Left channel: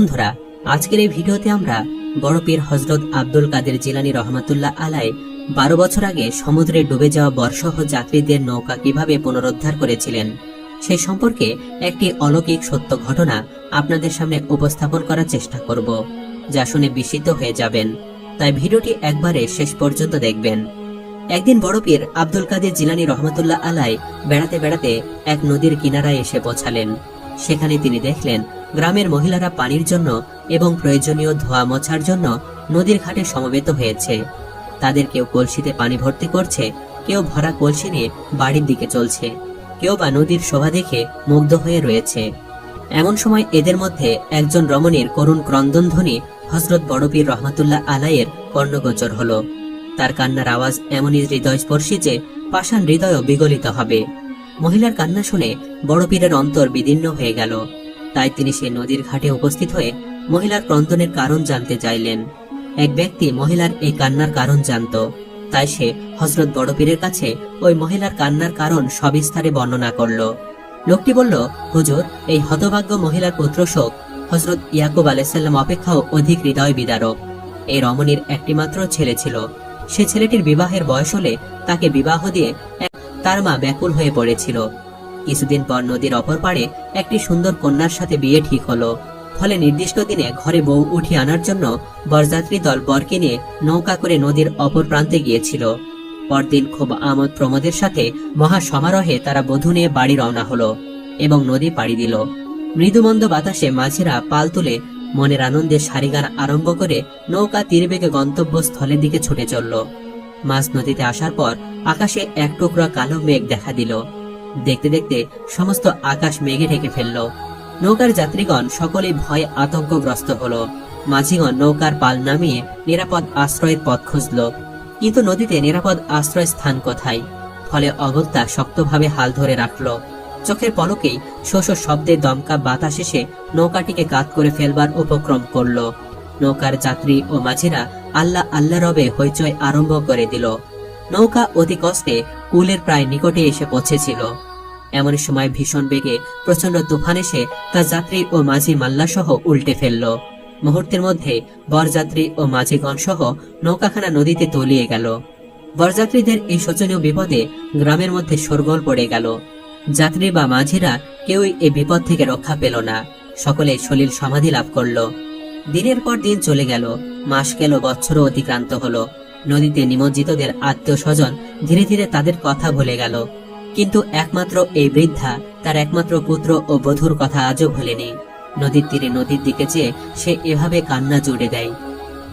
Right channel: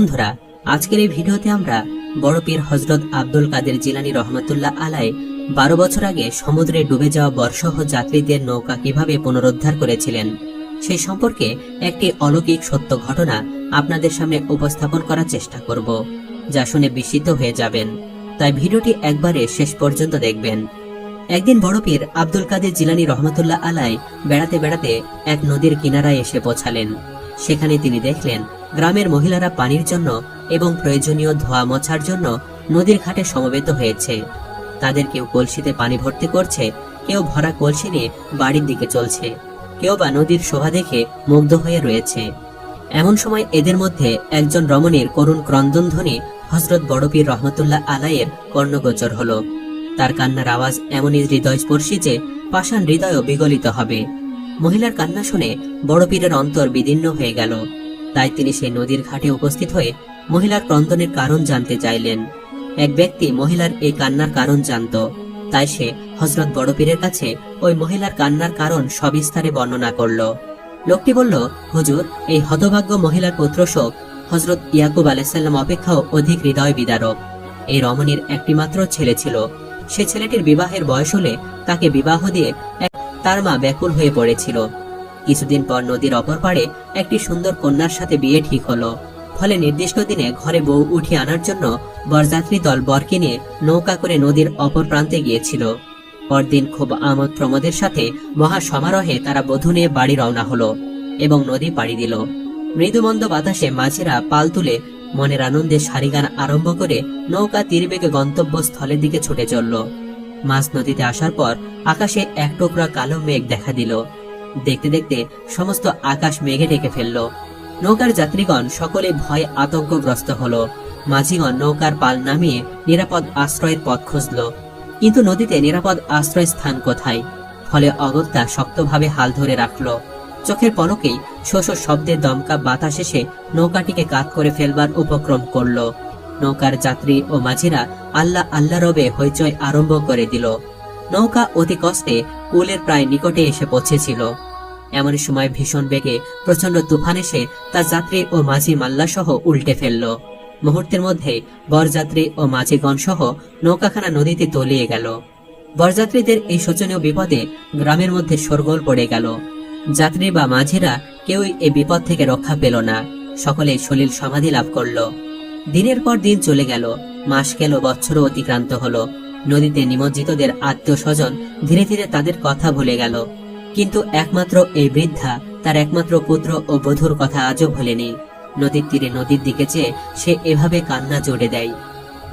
বন্ধুরা, আজকের এই ভিডিওতে আমরা বড় পীর হযরত আব্দুল কাদের জিলানী রহমাতুল্লাহ আলাইহি 12 বছর আগে সমুদ্রে ডুবে যাওয়া বর্ষহ যাত্রীদের নৌকা কিভাবে পুনরুদ্ধার করেছিলেন সেই সম্পর্কে একটি অলৌকিক সত্য ঘটনা আপনাদের সামনে উপস্থাপন করার চেষ্টা করব, যা শুনে বিস্মিত হয়ে যাবেন। তাই ভিডিওটি একবারে শেষ পর্যন্ত দেখবেন। একদিন বড় পীর আব্দুল কাদের জিলানী রহমাতুল্লাহ আলাইহি বেড়াতে বেড়াতে এক নদীর কিনারায় এসে পৌঁছালেন। সেখানে তিনি দেখলেন গ্রামের মহিলারা পানির জন্য এবং প্রয়োজনীয় ধোয়া মোছার জন্য নদীর ঘাটে সমবেত হয়েছে। তাদের কেউ কলসিতে পানি ভর্তি করছে, কেউ ভরা কলসি নিয়ে বাড়ির দিকে চলছে, কেউ বা নদীর শোভা দেখে মুগ্ধ হয়ে রয়েছে। এমন সময় এদের মধ্যে একজন রমণীর করুণ ক্রন্দন ধ্বনি হযরত বড় পীর রহমাতুল্লাহ আলাইহির কর্ণগোচর হলো। তার কান্নার আওয়াজ এমনই হৃদয়স্পর্শী যে পাষাণ হৃদয়ও বিগলিত হবে। মহিলার কান্না শুনে বড় পীরের অন্তর বিদীর্ণ হয়ে গেল। তাই তিনি সেই নদীর ঘাটে উপস্থিত হয়ে মহিলার ক্রন্দনের কারণ জানতে চাইলেন। এক ব্যক্তি মহিলার এই কান্নার কারণ জানত, তাই সে হযরত বড় পীরের কাছে ওই মহিলার কান্নার কারণ সবিস্তারে বর্ণনা করল। লোকটি বলল, হুজুর, এই হতভাগ্য মহিলার পুত্র শোক হযরত ইয়াকুব আলাইহিস সালাম অপেক্ষাও অধিক হৃদয় বিদারক। এই রমণীর একটি মাত্র ছেলে ছিল। সে ছেলেটির বিবাহের বয়স হলে তাকে বিবাহ দিয়ে তার মা ব্যাকুল হয়ে পড়েছিল। কিছুদিন পর নদীর অপর পাড়ে একটি সুন্দর কন্যার সাথে বিয়ে ঠিক হলো। ফলে নির্দিষ্ট দিনে ঘরে বউ উঠিয়ে আনার জন্য বরযাত্রী দল বরকে নিয়ে নৌকা করে নদীর অপর প্রান্তে গিয়েছিল। পরদিন খুব আমোদ প্রমোদের সাথে মহা সমারোহে তারা বধূ নিয়ে বাড়ি রওনা হলো এবং নদী পাড়ি দিল। মৃদুমন্দ বাতাসে মাঝিরা পাল তুলে মনের আনন্দে সারিগান আরম্ভ করে নৌকা তীরবেগে গন্তব্যস্থলের দিকে ছুটে চলল। মাঝ নদীতে আসার পর আকাশে এক টুকরো কালো মেঘ দেখা দিল। দেখতে দেখতে সমস্ত আকাশ মেঘে ঢেকে ফেলল। নৌকার যাত্রীগণ সকলেই ভয় আতঙ্কগ্রস্ত হলো। মাঝিগণ নৌকার পাল নামিয়ে নিরাপদ আশ্রয়ের পথ খুঁজল, কিন্তু নদীতে নিরাপদ আশ্রয় স্থান কোথায়? ফলে অগত্যা শক্তভাবে হাল ধরে রাখল। চোখের পলকেই শোষ শব্দে দমকা বাতাস এসে নৌকাটিকে কাত করে ফেলবার উপক্রম করল। নৌকার যাত্রী ও মাঝিরা আল্লাহ আল্লাহ রবে হইচই আরম্ভ করে দিল। নৌকা অতি কষ্টে কুলের প্রায় নিকটে এসে পৌঁছেছিল। এমন সময় ভীষণ বেগে প্রচন্ড তুফান এসে তার যাত্রী ও মাঝি মাল্লা সহ উল্টে ফেলল। মুহূর্তের মধ্যেই বরযাত্রী ও মাঝিগণ সহ নৌকাখানা নদীতে তলিয়ে গেল। বরযাত্রীদের এই শোচনীয় বিপদে গ্রামের মধ্যে শোরগোল পড়ে গেল। যাত্রী বা মাঝিরা কেউই এই বিপদ থেকে রক্ষা পেল না। সকলে সলিল সমাধি লাভ করল। দিনের পর দিন চলে গেল, মাস গেল, বছরও অতিক্রান্ত হলো। নদীতে নিমজ্জিতদের আত্মীয় স্বজন ধীরে ধীরে তাদের কথা ভুলে গেল, কিন্তু একমাত্র এই বৃদ্ধা তার একমাত্র পুত্র ও বধূর কথা আজও ভুলেনি। নদীর তীরে নদীর দিকে চেয়ে সে এভাবে কান্না জোড়ে দেয়।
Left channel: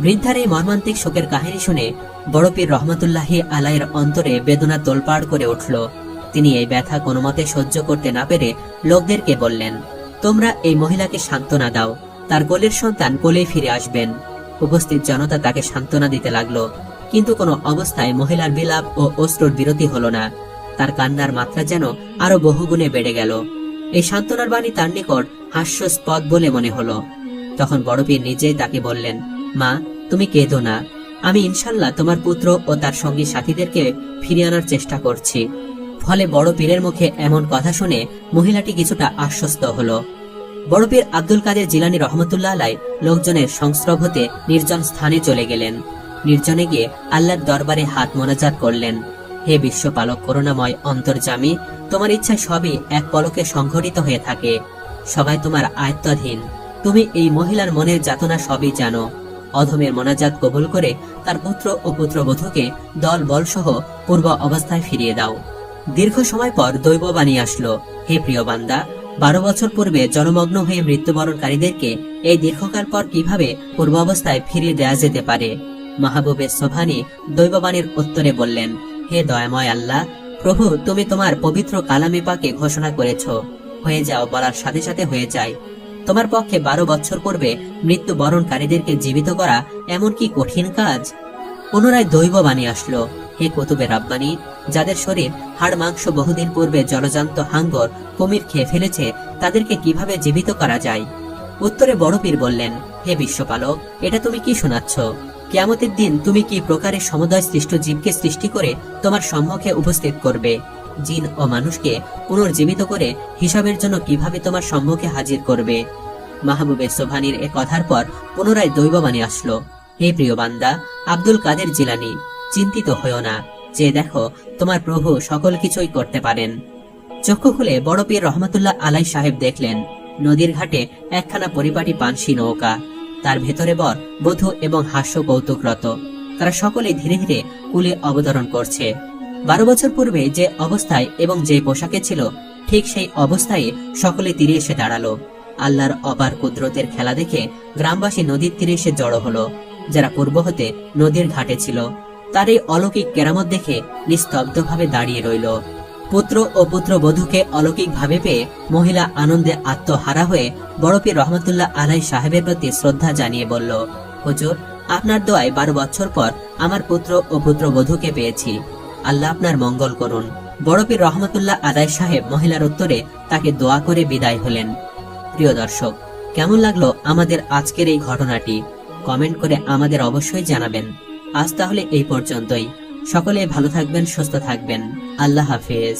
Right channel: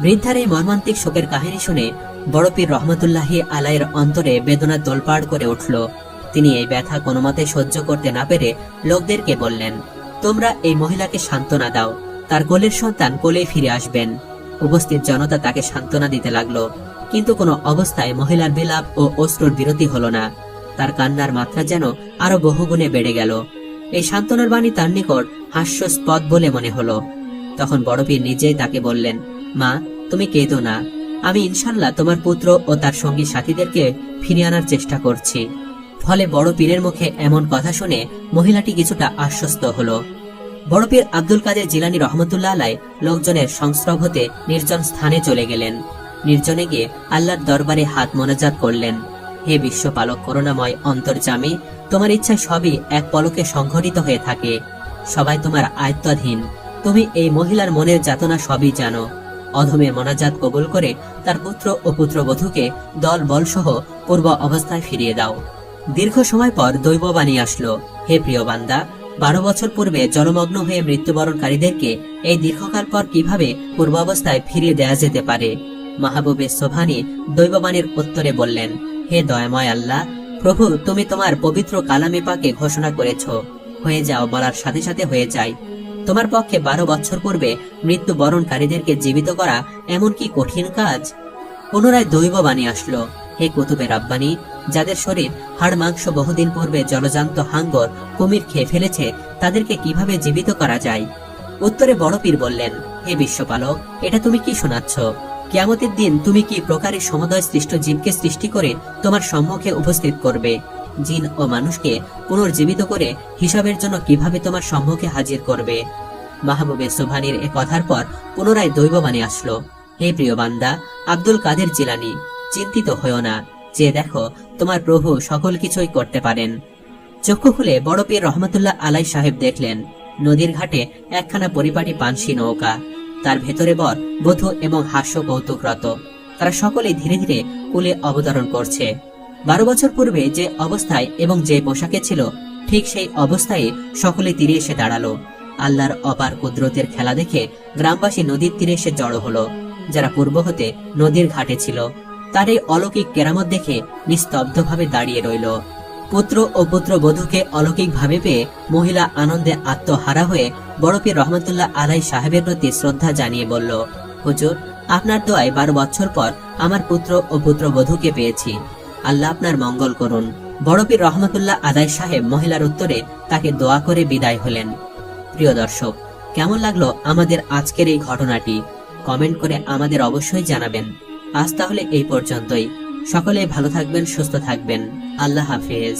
বৃদ্ধার এই মর্মান্তিক শোকের কাহিনী শুনে বড় পীর রহমাতুল্লাহি আলাইহির অন্তরে বেদনা তোলপাড় করে উঠল। তিনি এই ব্যথা কোনো মতে সহ্য করতে না পেরে লোকদেরকে বললেন, তোমরা এই মহিলাকে সান্ত্বনা দাও, তার কোলের সন্তান কোলেই ফিরে আসবেন। উপস্থিত জনতা তাকে সান্ত্বনা দিতে লাগলো, কিন্তু কোনো অবস্থায় মহিলার বিলাপ ও অশ্রুর বিরতি হলো না। তার কান্নার মাত্রা যেন আরো বহুগুণে বেড়ে গেল। এই সান্ত্বনার বাণী তার নিকট হাস্যস্পদ বলে মনে হলো। তখন বড় পীর নিজেই তাকে বললেন, মা, তুমি কেঁদো না, আমি ইনশাল্লাহ তোমার পুত্র ও তার সঙ্গী সাথীদেরকে ফিরিয়ে আনার চেষ্টা করছি। ফলে বড় পীরের মুখে এমন কথা শুনে মহিলাটি কিছুটা আশ্বস্ত হলো। বড় পীর আব্দুল কাদের জিলানী রহমাতুল্লাহ আলাইহি লোকজনের সংস্রব হতে নির্জন স্থানে চলে গেলেন। নির্জনে গিয়ে আল্লাহর দরবারে হাত মোনাজাত করলেন, হে বিশ্বপালক, করুণাময় অন্তর্যামী, তোমার ইচ্ছায় সবই এক পলকে সংঘটিত হয়ে থাকে। সবাই তোমার আয়ত্তাধীন। তুমি এই মহিলার মনের যাতনা সবই জানো। অধমের মোনাজাত কবুল করে তার পুত্র ও পুত্রবধূকে দল বল সহ পূর্ব অবস্থায় ফিরিয়ে দাও। দীর্ঘ সময় পর দৈববাণী আসলো, হে প্রিয় বান্দা, 12 বছর পূর্বে জলমগ্ন হয়ে মৃত্যুবরণকারীদেরকে এই দীর্ঘকাল পর কিভাবে পূর্বাবস্থায় ফিরিয়ে দেয়া যেতে পারে? মাহবুবে সোভানি দৈববাণীর উত্তরে বললেন, হে দয়াময় আল্লাহ, প্রভু, তুমি তোমার পবিত্র কালামে পাকে ঘোষণা করেছ, হয়ে যাও বলার সাথে সাথে হয়ে যায়। তোমার পক্ষে 12 বছর পূর্বে মৃত্যুবরণকারীদেরকে জীবিত করা এমন কি কঠিন কাজ? পুনরায় দৈববাণী আসলো, হে কুতুবে রাব্বানী, যাদের শরীর হাড় মাংস বহুদিন পূর্বে জলজান্ত হাঙ্গর কুমির খেয়ে ফেলেছে, তাদেরকে কিভাবে জীবিত করা যায়? উত্তরে বড় পীর বললেন, হে বিশ্বপালক, এটা তুমি কি শোনাচ্ছ? কিয়ামতের দিন তুমি কি প্রকারে সমুদয় সৃষ্ট জীবকে সৃষ্টি করে তোমার সম্মুখে উপস্থিত করবে? জিন ও মানুষকে পুনর্জীবিত করে হিসাবের জন্য কিভাবে তোমার সম্মুখে হাজির করবে? মাহবুবে সোবহানীর এ কথার পর পুনরায় দৈববাণী আসলো, হে প্রিয় বান্দা আব্দুল কাদের জিলানী, চিন্তিত হয়েও না, যে দেখো তোমার প্রভু সকল কিছুই করতে পারেন। চক্ষু খুলে বড় পীর রহমতুল্লাহ আলাই সাহেব দেখলেন নদীর ঘাটে একখানা পরিপাটি পানসি নৌকা, তার ভেতরে বর বধূ এবং হাস্য কৌতুকরত। তারা সকলে ধীরে ধীরে কূলে অবতরণ করছে। 12 বছর পূর্বে যে অবস্থায় এবং যে পোশাকে ছিল, ঠিক সেই অবস্থায় সকলে তীরে এসে দাঁড়ালো। আল্লাহর অপার কুদরতের খেলা দেখে গ্রামবাসী নদীর তীরে এসে জড়ো হলো। যারা পূর্ব হতে নদীর ঘাটে ছিল, তার এই অলৌকিক কেরামত দেখে নিস্তব্ধভাবে দাঁড়িয়ে রইল। পুত্র ও পুত্র বধূকে অলৌকিক ভাবে পেয়ে মহিলা আনন্দে আত্মহারা হয়ে বড় পীর রহমতুল্লাহ আলাই সাহেবের প্রতি শ্রদ্ধা জানিয়ে বলল, হুজুর, আপনার দোয়ায় 12 বছর পর আমার পুত্র ও পুত্র বধূকে পেয়েছি। আল্লাহ আপনার মঙ্গল করুন। বড় পীর রহমতুল্লাহ আলাই সাহেব মহিলার উত্তরে তাকে দোয়া করে বিদায় হলেন। প্রিয় দর্শক, কেমন লাগলো আমাদের আজকের এই ঘটনাটি? কমেন্ট করে আমাদের অবশ্যই জানাবেন। আজ তাহলে এই পর্যন্তই। সকলে ভালো থাকবেন, সুস্থ থাকবেন। আল্লাহ হাফেজ।